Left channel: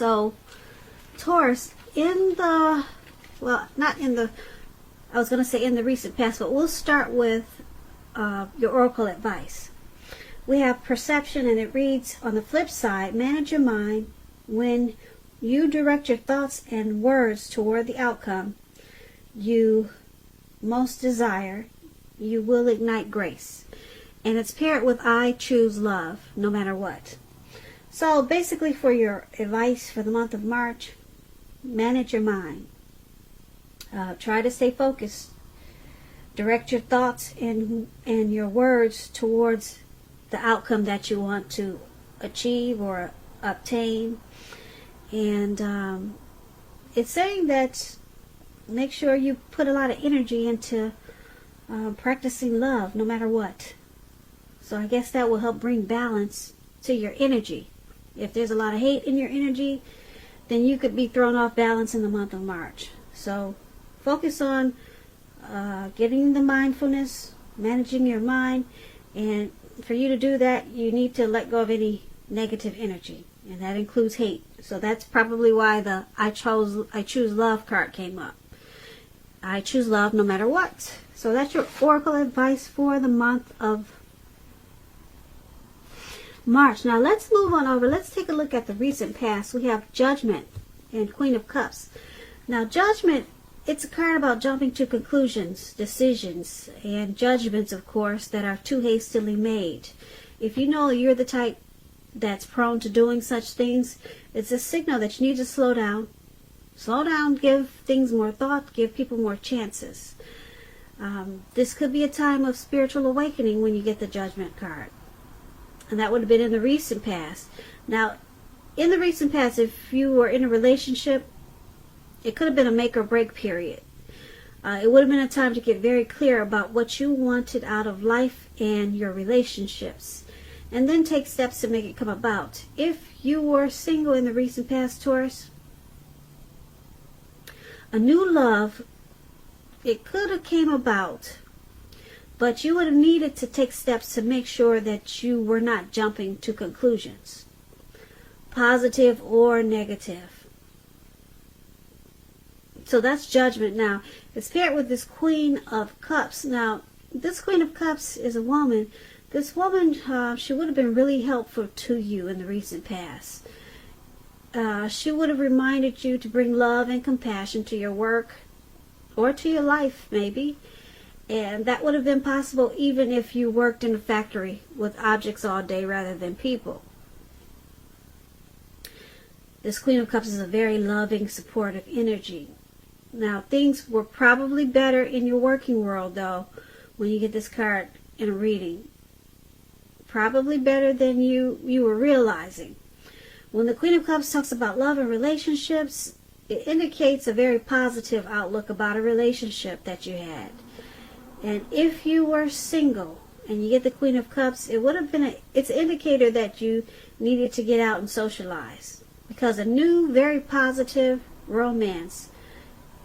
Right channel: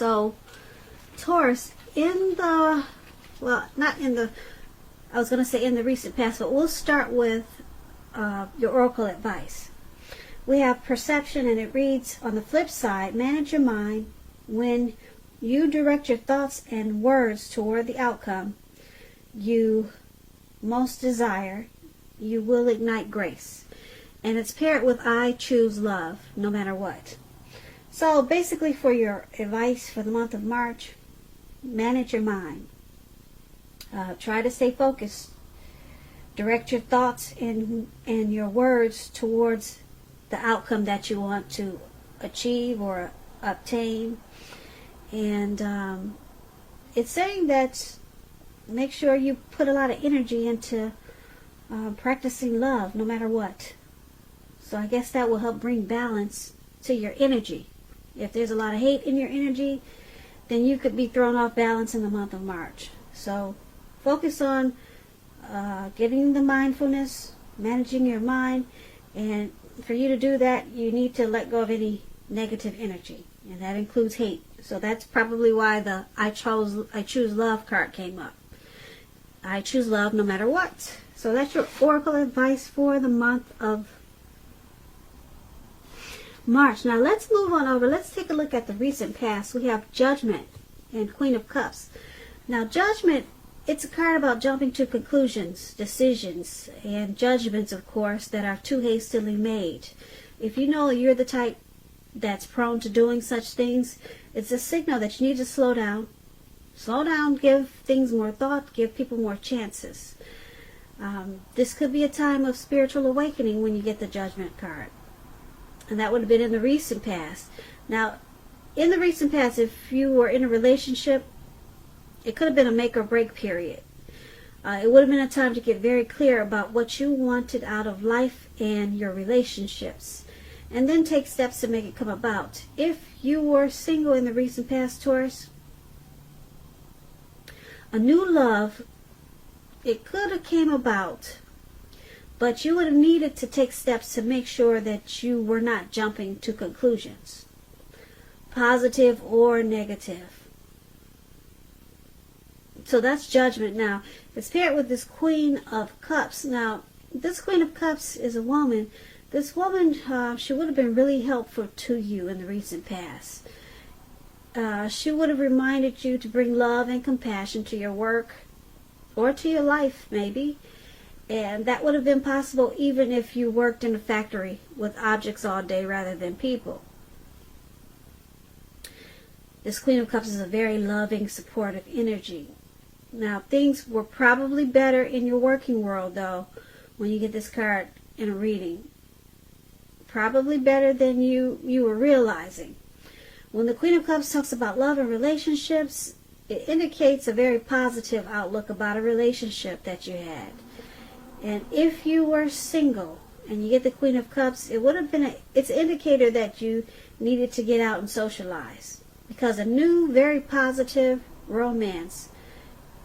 So, Taurus, in the, well, not in the, I was going to say in the recent past, but we'll start with your oracle advice. We have perception, and it reads, on the flip side, manage your mind. When you direct your thoughts and words toward the outcome you most desire, you will ignite grace. And it's paired with I choose love, no matter what. So basically, for your advice for the month of March, manage your mind. Try to stay focused. Direct your thoughts and your words towards the outcome that you want to achieve or obtain. And it's saying that make sure you put a lot of energy into practicing love, no matter what. So I guess that will help bring balance to your energy. If there's a lot of hate in your energy, then you could be thrown off balance in the month of March. So focus on getting the mindfulness, managing your mind, and for you to do that, you need to let go of any negative energy, and that includes hate. So that's probably why the I choose love card came up. I choose love no matter what. So that's your oracle advice for the month of March. Now let's move on over. Let's take a look at the recent past. We have Judgment and Queen of Cups. Now Judgment, it's a card about jumping to conclusions, decisions, and judgments, of course, that are too hastily made. If you know you're the type that's prone to doing such things, it's a signal that you need to slow down. Slow down, give things more thought, give people more chances. This could be a time of spiritual awakening when you get the Judgment card. And that would have been in the recent past. Now, in the recent past, if you were in a relationship, it could have been a make or break period. It would have been a time to get very clear about what you wanted out of life and your relationships, and then take steps to make it come about. If you were single in the recent past, Taurus, a new love, it could have came about, but you would have needed to take steps to make sure that you were not jumping to conclusions, positive or negative. So that's Judgment. Now, it's paired with this Queen of Cups. Now, this Queen of Cups is a woman. This woman, she would have been really helpful to you in the recent past. She would have reminded you to bring love and compassion to your work or to your life, maybe. And that would have been possible even if you worked in a factory with objects all day rather than people. This Queen of Cups is a very loving, supportive energy. Now, things were probably better in your working world, though, when you get this card in a reading. Probably better than you were realizing. When the Queen of Cups talks about love and relationships, it indicates a very positive outlook about a relationship that you had. And if you were single and you get the Queen of Cups, it would have been it's an indicator that you needed to get out and socialize. Because a new, very positive romance,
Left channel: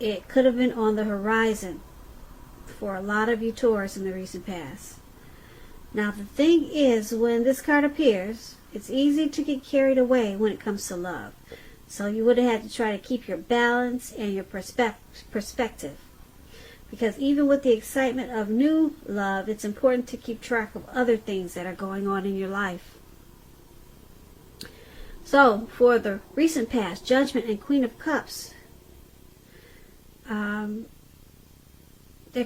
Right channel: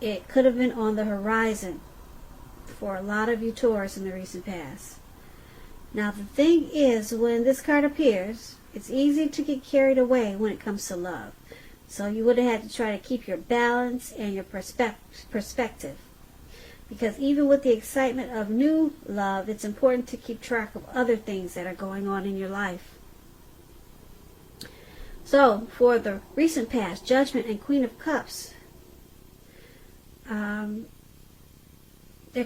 it could have been on the horizon for a lot of you Taurus in the recent past. Now the thing is, when this card appears, it's easy to get carried away when it comes to love. So you would have had to try to keep your balance and your perspective. Because even with the excitement of new love, it's important to keep track of other things that are going on in your life. So, for the recent past, Judgment and Queen of Cups, there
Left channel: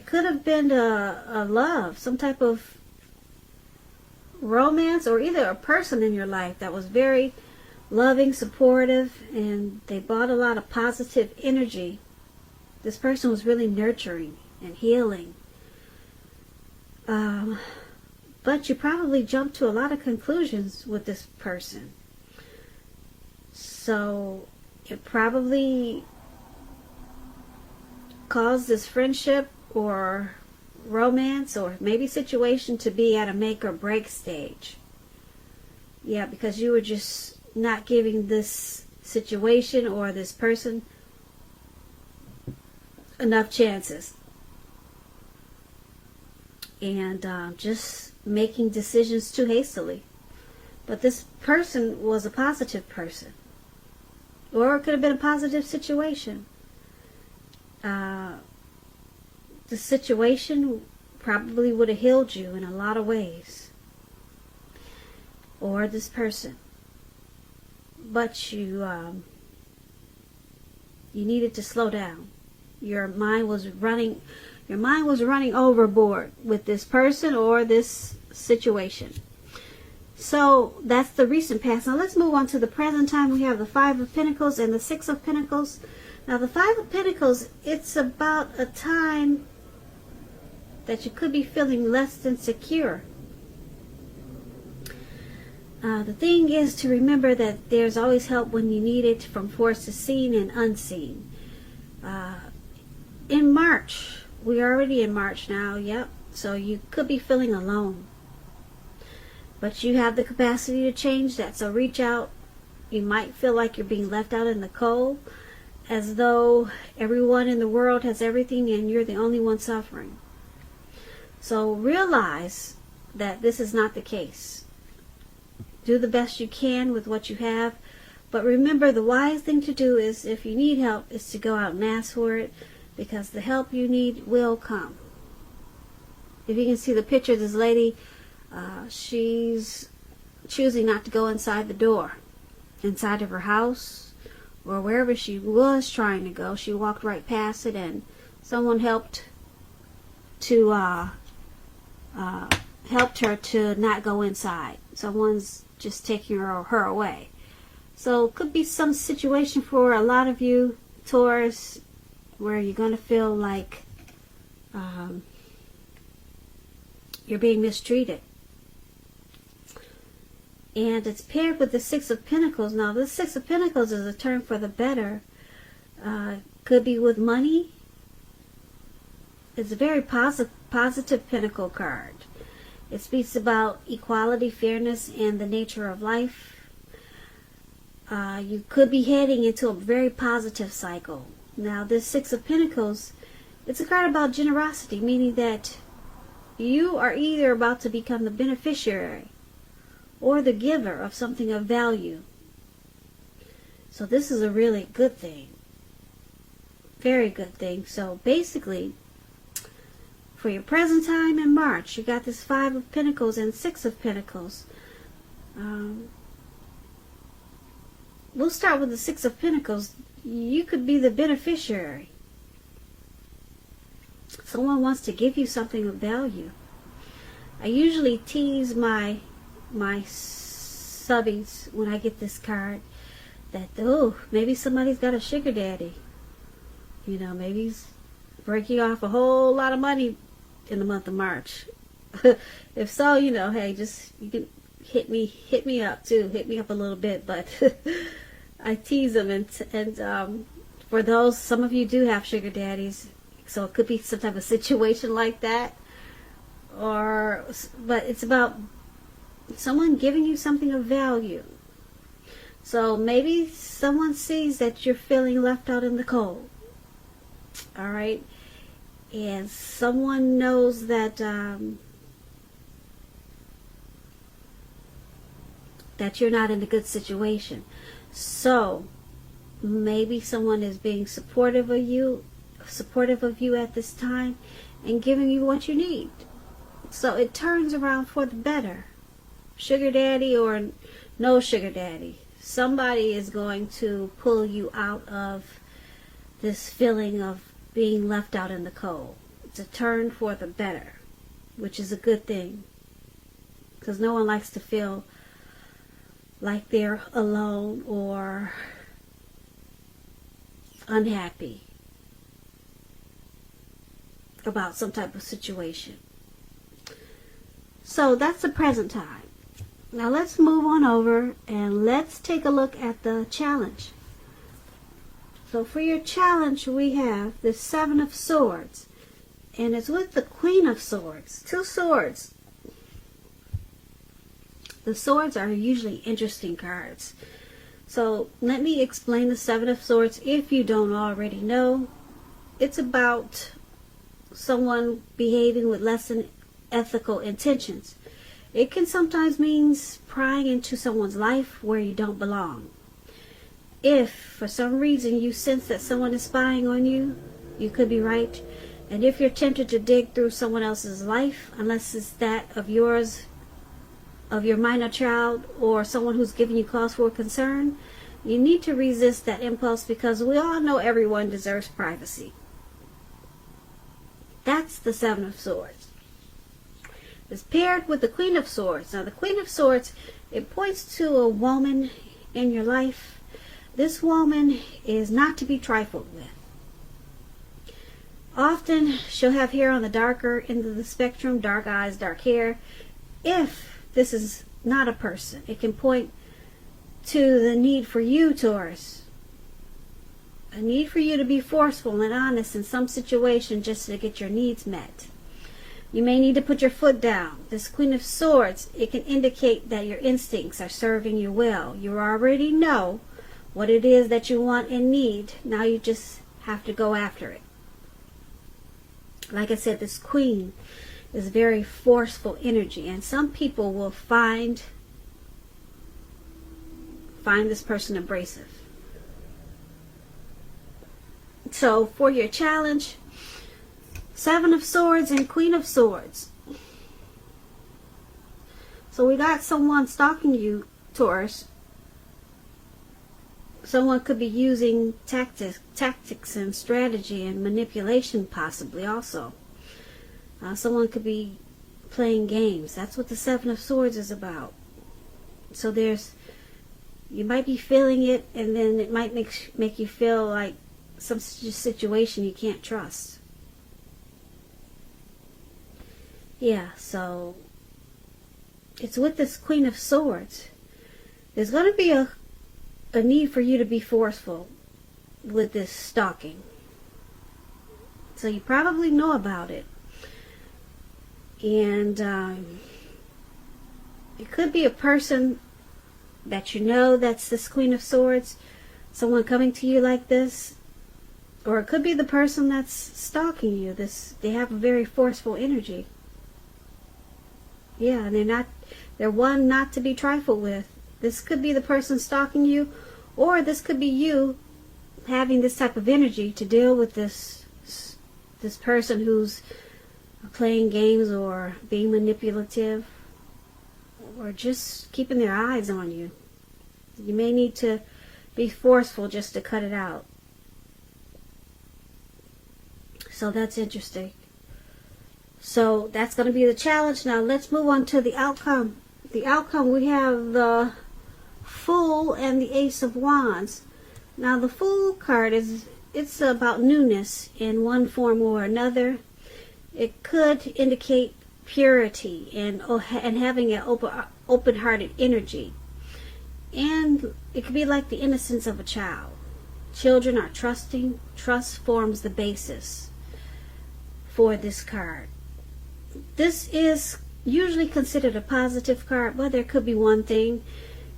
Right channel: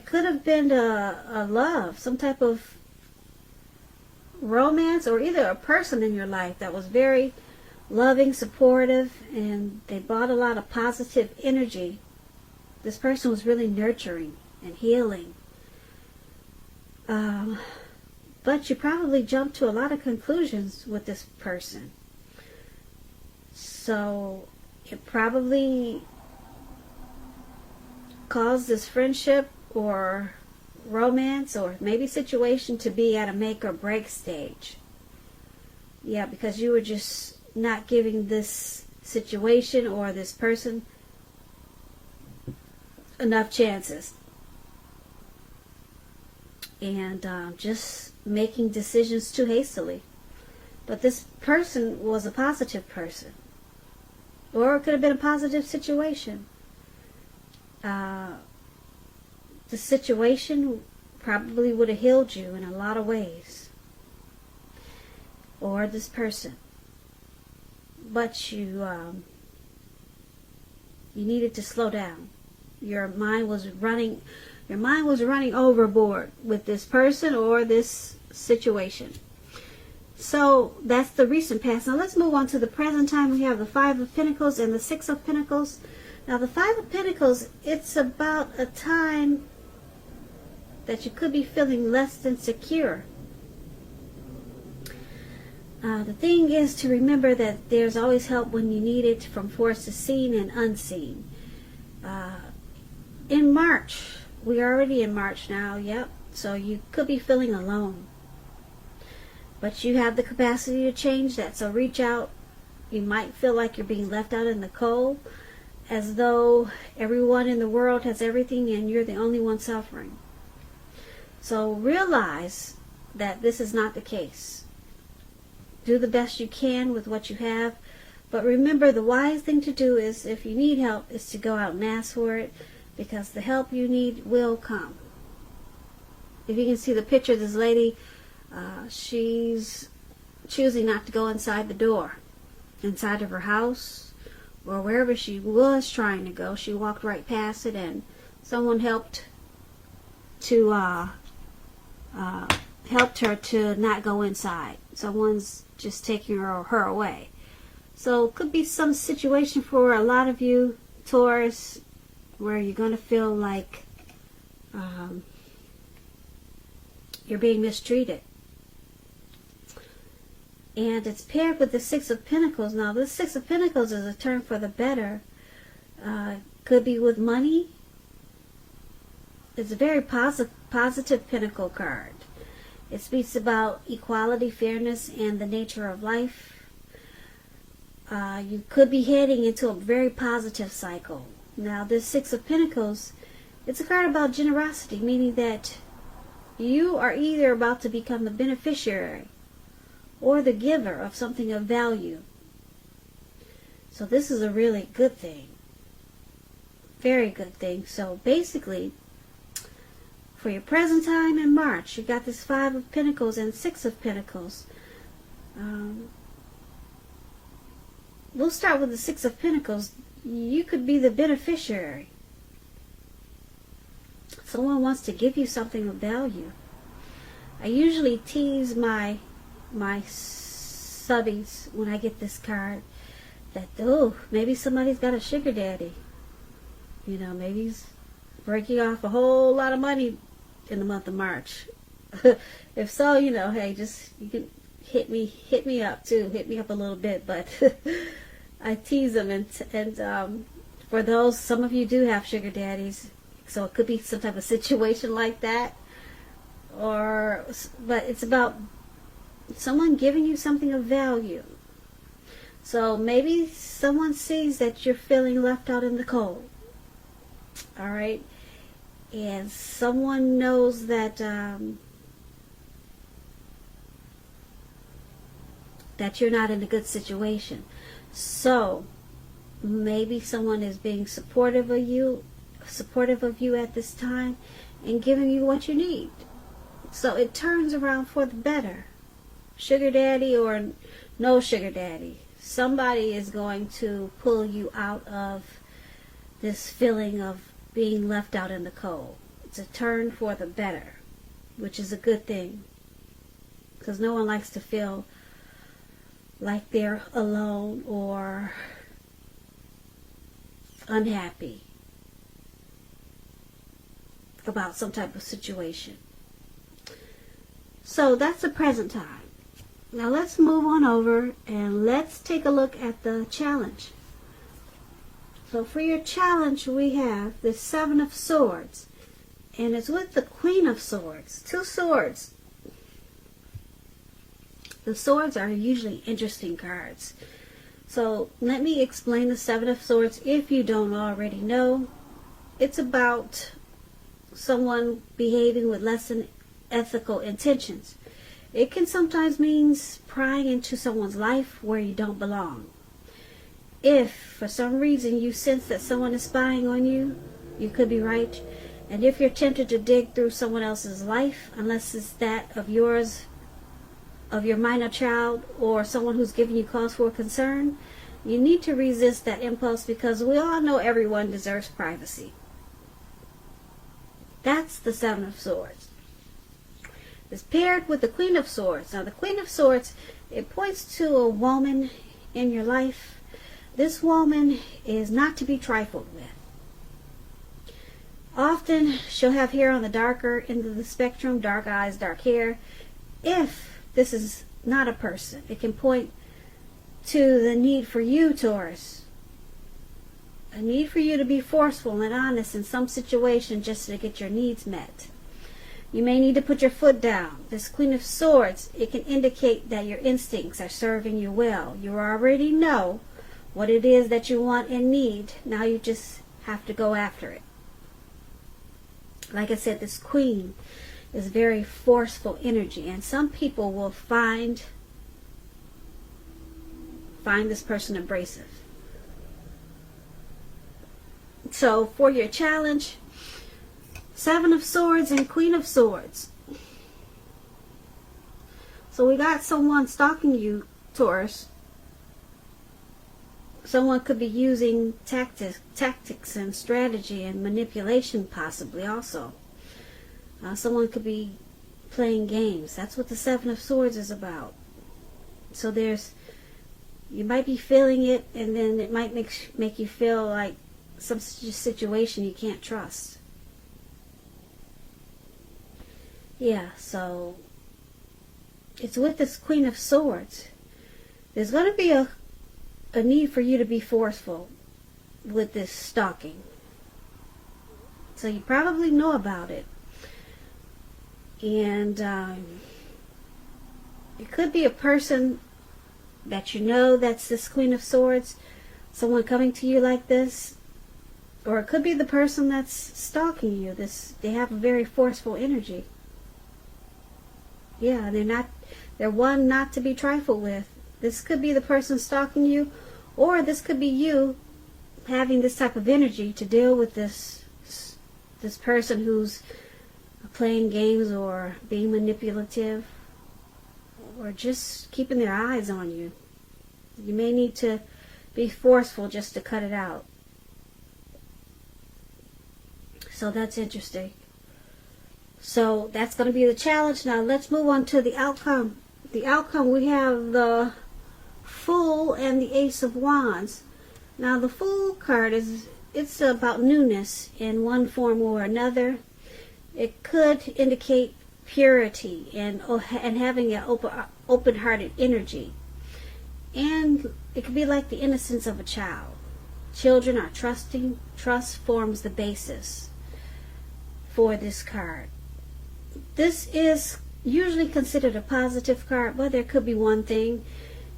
could have been a love, some type of romance, or either a person in your life that was very loving, supportive, and they brought a lot of positive energy. This person was really nurturing and healing. But you probably jumped to a lot of conclusions with this person. So it probably caused this friendship or romance or maybe situation to be at a make or break stage. Yeah, because you were just not giving this situation or this person enough chances. And just making decisions too hastily. But this person was a positive person. Or it could have been a positive situation. The situation probably would have healed you in a lot of ways. Or this person. But you needed to slow down. Your mind was running overboard with this person or this situation. So that's the recent past. Now let's move on to the present time. We have the Five of Pentacles and the Six of Pentacles. Now the Five of Pentacles, it's about a time that you could be feeling less than secure. The thing is to remember that there's always help when you need it, from forces seen and unseen. In March, we're already in March now, yep. So you could be feeling alone. But you have the capacity to change that. So reach out. You might feel like you're being left out in the cold, as though everyone in the world has everything and you're the only one suffering. So realize that this is not the case. Do the best you can with what you have. But remember, the wise thing to do is, if you need help, is to go out and ask for it, because the help you need will come. If you can see the picture of this lady, she's choosing not to go inside the door, inside of her house, or wherever she was trying to go. She walked right past it, and someone helped her to not go inside. Someone's just taking her away. So it could be some situation for a lot of you, Taurus, where you're going to feel like you're being mistreated. And it's paired with the Six of Pentacles. Now, this Six of Pentacles is a turn for the better. Could be with money. It's a very positive Pentacle card. It speaks about equality, fairness, and the nature of life. You could be heading into a very positive cycle. Now, this Six of Pentacles, it's a card about generosity, meaning that you are either about to become the beneficiary or the giver of something of value. So this is a really good thing. Very good thing. So basically, for your present time in March, you got this Five of Pentacles and Six of Pentacles. We'll start with the Six of Pentacles. You could be the beneficiary. Someone wants to give you something of value. I usually tease my subbies when I get this card that, oh, maybe somebody's got a sugar daddy. You know, maybe he's breaking off a whole lot of money in the month of March. If so, you know, hey, just, you can hit me up too. Hit me up a little bit, but I tease them, and for those, some of you do have sugar daddies, so it could be some type of situation like that, but it's about someone giving you something of value. So maybe someone sees that you're feeling left out in the cold. All right, and someone knows that that you're not in a good situation. So maybe someone is being supportive of you at this time and giving you what you need. So it turns around for the better. Sugar daddy or no sugar daddy, somebody is going to pull you out of this feeling of being left out in the cold. It's a turn for the better, which is a good thing, because no one likes to feel like they're alone or unhappy about some type of situation. So that's the present time. Now let's move on over and let's take a look at the challenge. So for your challenge, we have the Seven of Swords, and it's with the Queen of Swords. Two swords. The swords are usually interesting cards. So let me explain the Seven of Swords if you don't already know. It's about someone behaving with less than ethical intentions. It can sometimes mean prying into someone's life where you don't belong. if for some reason you sense that someone is spying on you, you could be right. And if you're tempted to dig through someone else's life, unless it's that of yours, of your minor child, or someone who's giving you cause for concern, you need to resist that impulse, because we all know everyone deserves privacy. That's the Seven of Swords. It's paired with the Queen of Swords. Now the Queen of Swords, it points to a woman in your life. This woman is not to be trifled with. Often she'll have hair on the darker end of the spectrum, dark eyes, dark hair. If this is not a person, it can point to the need for you, Taurus. A need for you to be forceful and honest in some situation just to get your needs met. You may need to put your foot down. This Queen of Swords, it can indicate that your instincts are serving you well. You already know what it is that you want and need. Now you just have to go after it. Like I said, this Queen is very forceful energy, and some people will find this person abrasive. So for your challenge, Seven of Swords and Queen of Swords. So we got someone stalking you, Taurus. Someone could be using tactics and strategy and manipulation, possibly also. Someone could be playing games. That's what the Seven of Swords is about. So you might be feeling it, and then it might make you feel like some situation you can't trust. Yeah, so it's with this Queen of Swords. There's going to be a need for you to be forceful with this stalking. So you probably know about it. And it could be a person that you know that's this Queen of Swords, someone coming to you like this, or it could be the person that's stalking you. They have a very forceful energy. Yeah, they're one not to be trifled with. This could be the person stalking you, or this could be you having this type of energy to deal with this person who's playing games or being manipulative, or just keeping their eyes on you. You may need to be forceful just to cut it out. So that's interesting. So that's going to be the challenge. Now let's move on to the outcome. The outcome, we have the Fool and the Ace of Wands. Now the Fool card it's about newness in one form or another. It could indicate purity and having an open-hearted energy. And it could be like the innocence of a child. Children are trusting. Trust forms the basis for this card. This is usually considered a positive card, but there could be one thing.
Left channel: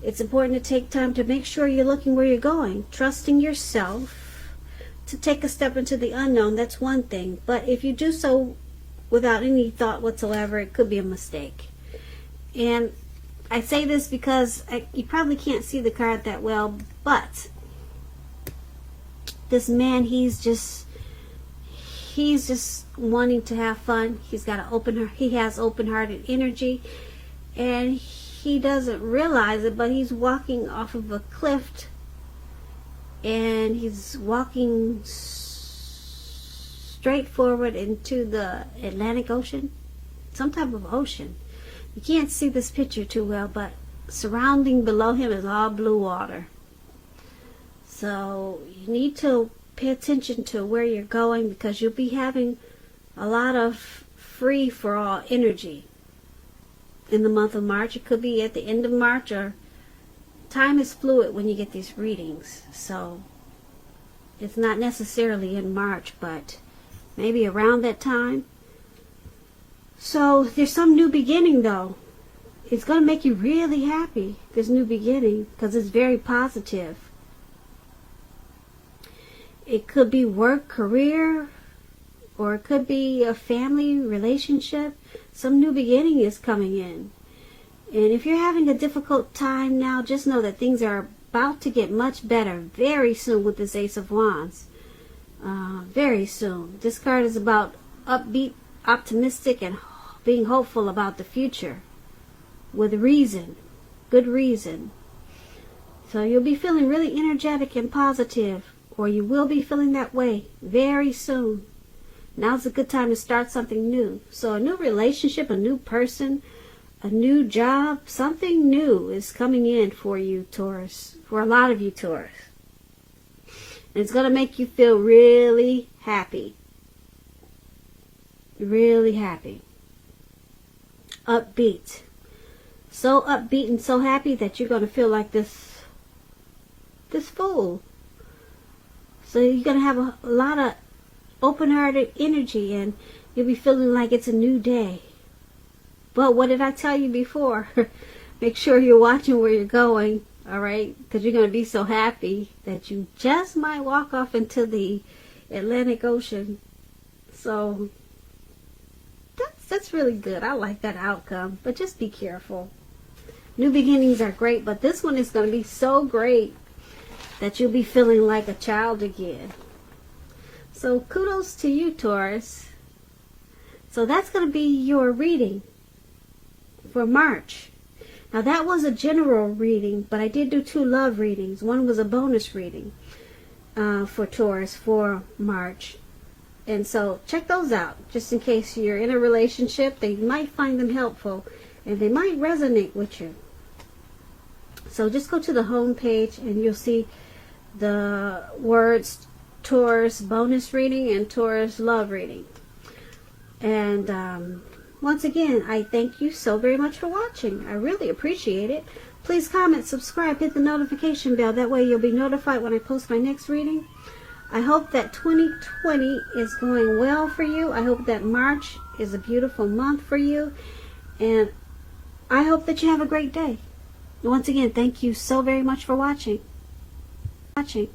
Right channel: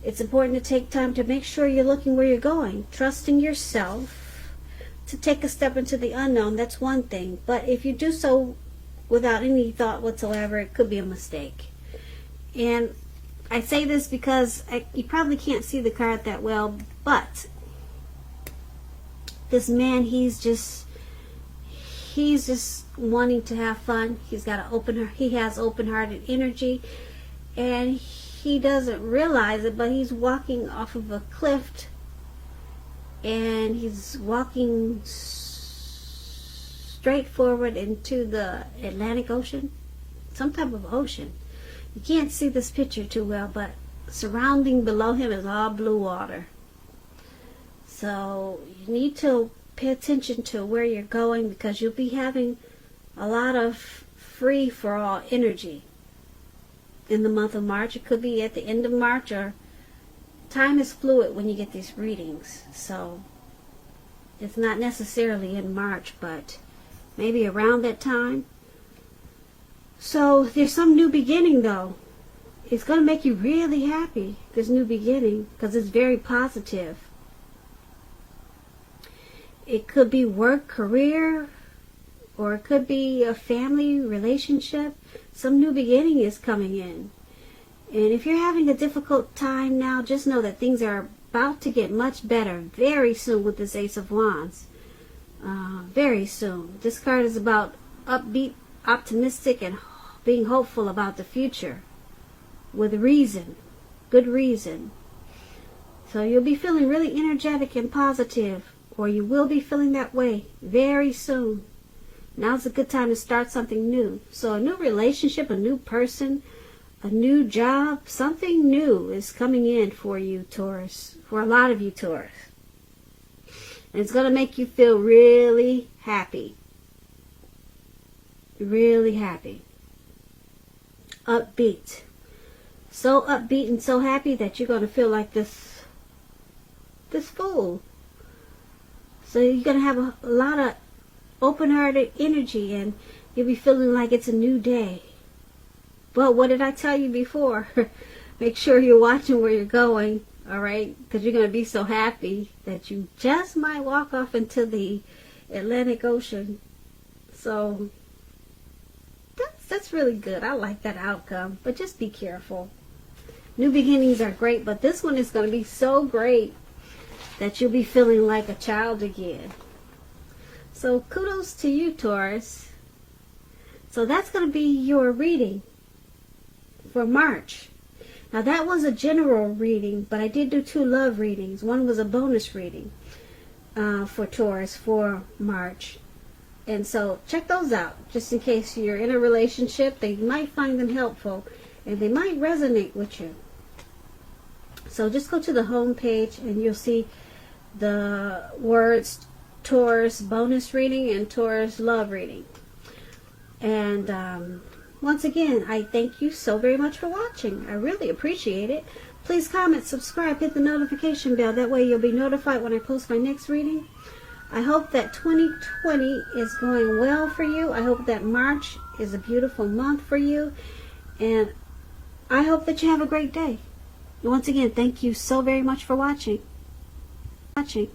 It's important to take time to make sure you're looking where you're going. Trusting yourself to take a step into the unknown, that's one thing. But if you do so without any thought whatsoever, it could be a mistake. And I say this because you probably can't see the card that well, but this man, he's just wanting to have fun. He has open-hearted energy, and he doesn't realize it, but he's walking off of a cliff, and he's walking straight forward into the Atlantic Ocean, some type of ocean. You can't see this picture too well, but surrounding below him is all blue water. So you need to pay attention to where you're going, because you'll be having a lot of free-for-all energy in the month of March. It could be at the end of March, or time is fluid when you get these readings. So it's not necessarily in March, but maybe around that time. So there's some new beginning, though. It's going to make you really happy, this new beginning, because it's very positive. It could be work, career, or it could be a family relationship. Some new beginning is coming in. And if you're having a difficult time now, just know that things are about to get much better very soon with this Ace of Wands. Very soon. This card is about upbeat, optimistic, and being hopeful about the future with reason, good reason. So you'll be feeling really energetic and positive, or you will be feeling that way very soon. Now's a good time to start something new. So a new relationship, a new person, a new job, something new is coming in for you, Taurus, for a lot of you, Taurus. And it's going to make you feel really happy. Really happy. Upbeat. So upbeat and so happy that you're going to feel like this fool. So you're going to have a lot of open-hearted energy, and you'll be feeling like it's a new day. But what did I tell you before? Make sure you're watching where you're going, all right? Because you're going to be so happy that you just might walk off into the Atlantic Ocean. So that's really good. I like that outcome. But just be careful. New beginnings are great, but this one is going to be so great that you'll be feeling like a child again. So kudos to you, Taurus. So that's going to be your reading for March. Now that was a general reading, but I did do 2 love readings. One was a bonus reading for Taurus for March. And so check those out, just in case you're in a relationship. They might find them helpful, and they might resonate with you. So just go to the home page, and you'll see the words Taurus bonus reading and Taurus love reading. And once again, I thank you so very much for watching. I really appreciate it. Please comment, subscribe, hit the notification bell. That way you'll be notified when I post my next reading. I hope that 2020 is going well for you. I hope that March is a beautiful month for you. And I hope that you have a great day. Once again, thank you so very much for watching. Watching.